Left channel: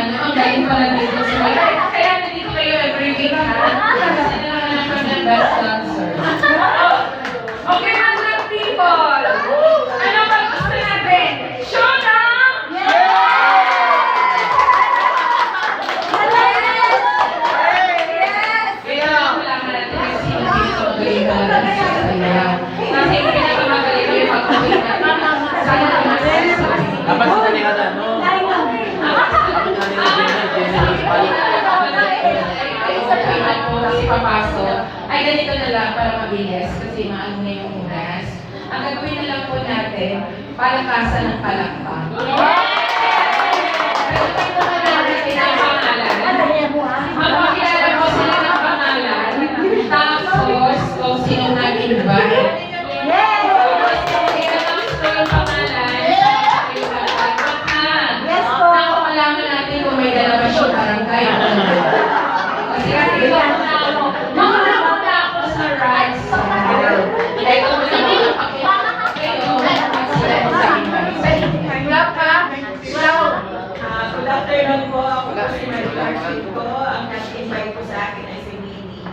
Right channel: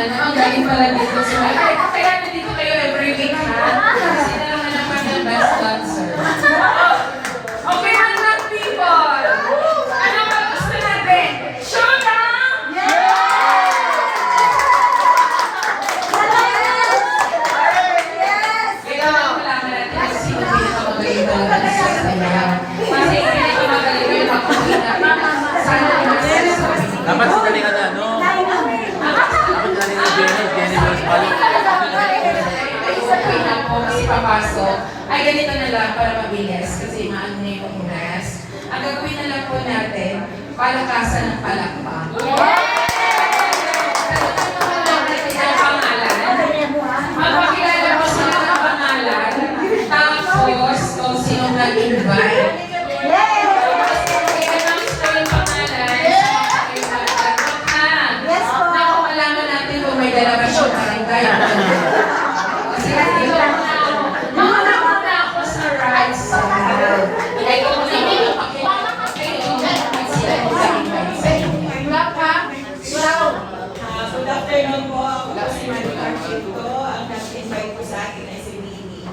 Ano, ang galing pala dito. So, kaya nandito kayo every week, ha? Sino naman naman ng best dancer? Okay, mga people! Ano ba gusto natin? Showdown! Kaya malaman natin yung sino dito magaling talaga sa sayaw. Kasi yung pinakamagaling na yung pagkakulit natin. Sana naman sa sasabi. Dapat si Kalinga na, no? Kasi papasok, ay ganito na lang para mabilis kasi maano na yung oras. Ang gagawin na lang po natin, palakasan ng palakpak. Magpakilala po sila ng pangalan, tapos kung sino nag-invite. May dalawa siyang barangay. Sige, muna ako sa right side. Ito mo naman ang pakilala kayo. Good afternoon po. Ako po si Maricar Chico. Ang nag-invite po sa akin ay si Minnie.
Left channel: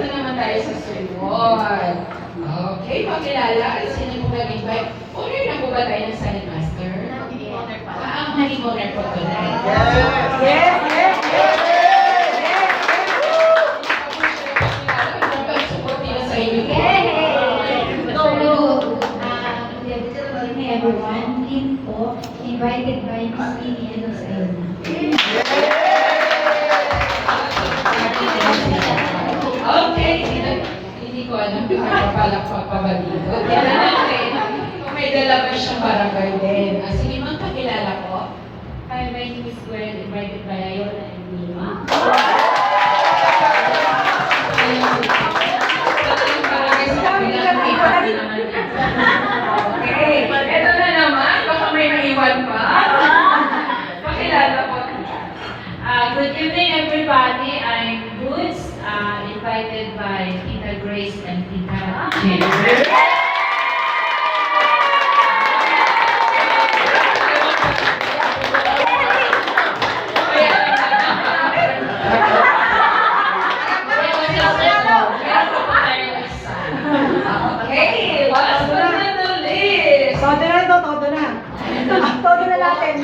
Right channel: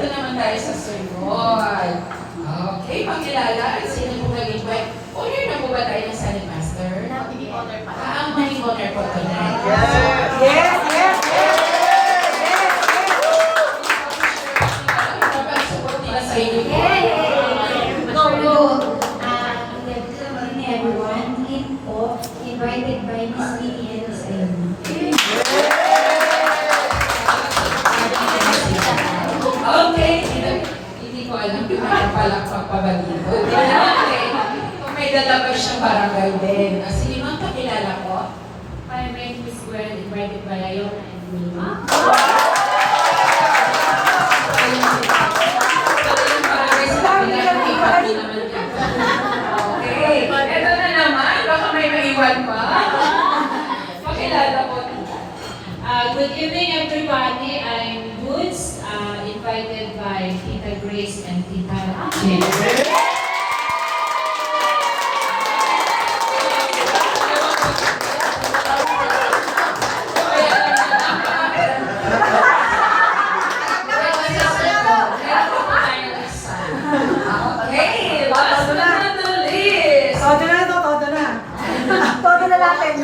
Ito naman tayo sa sunod. Okay, pakilala. Sino yung nag-invite? Honor na po ba tayo ng Silent Master? Ang maging honor po tonight. Yes, yes, yes! Support nila sa inyo. Everyone, team po, invited by Miss Minnie and Miss Ayana. Okay, hindi ko alam kung nakapalakpak pa ba dito. Kung may dala ba siyang barangay din. Sige, ma'am, pakilala ko. Hi, my name is Gwen, invited by Ayana and Minnie. Okay, eto na naman. Baka may maiwan pa. Pakilala ko. Good evening, everybody. I'm Boots, invited by Tita Grace and Tita Jennifer. Okay, last but not the least. Todo na ito, todo na. Todo na natin.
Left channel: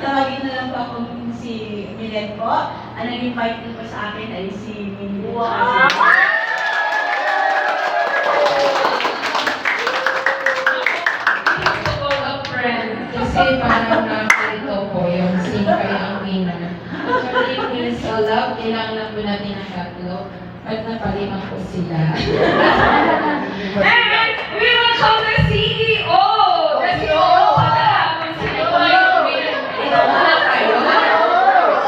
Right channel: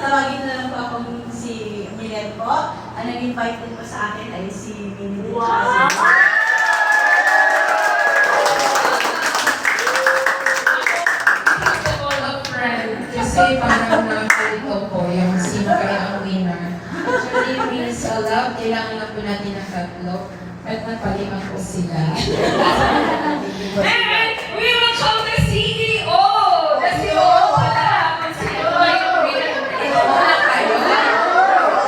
Tawagin na lang po akong si Milen po. Ang nag-invite din po sa akin ay si Minnie. Wow! Kasi parang nakita po yung sino kayo ang winner. Actually, yung Prince of Love, kailangan lang po natin ng tatlo. Ba't napalima po sila? And we will call the CEO! The CEO wala! Kung sino ba yung winner? Ito wala tayo.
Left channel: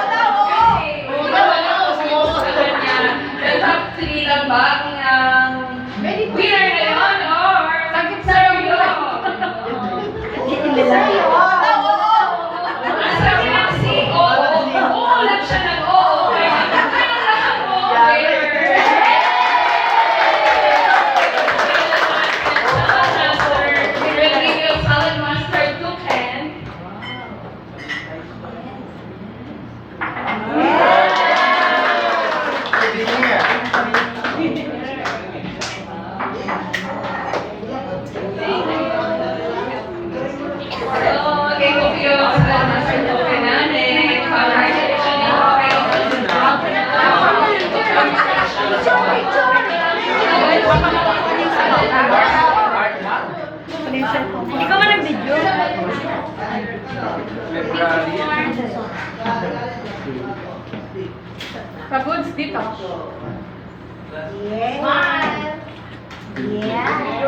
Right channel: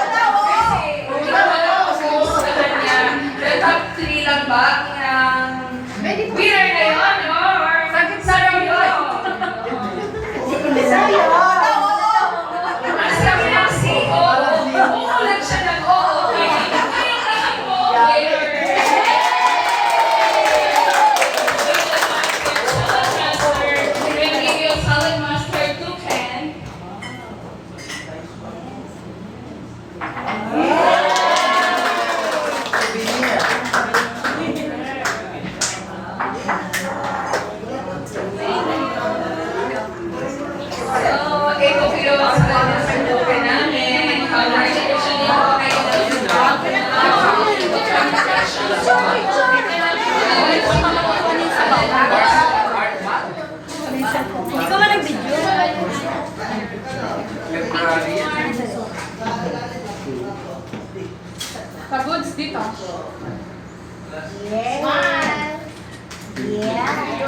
Kasi wala ko sa kanya. The top 3 lang ba ang winner ngayon? Or sarap yun? Sabi ng CEO, uulan siya ng oo. Kaya lahat mo, Salad Master 210. Okay, kung kayo sa Master 210 namin, congratulations dito kayo. Hindi ko man nag-video. Pag-goods dito. Smile! Yeah!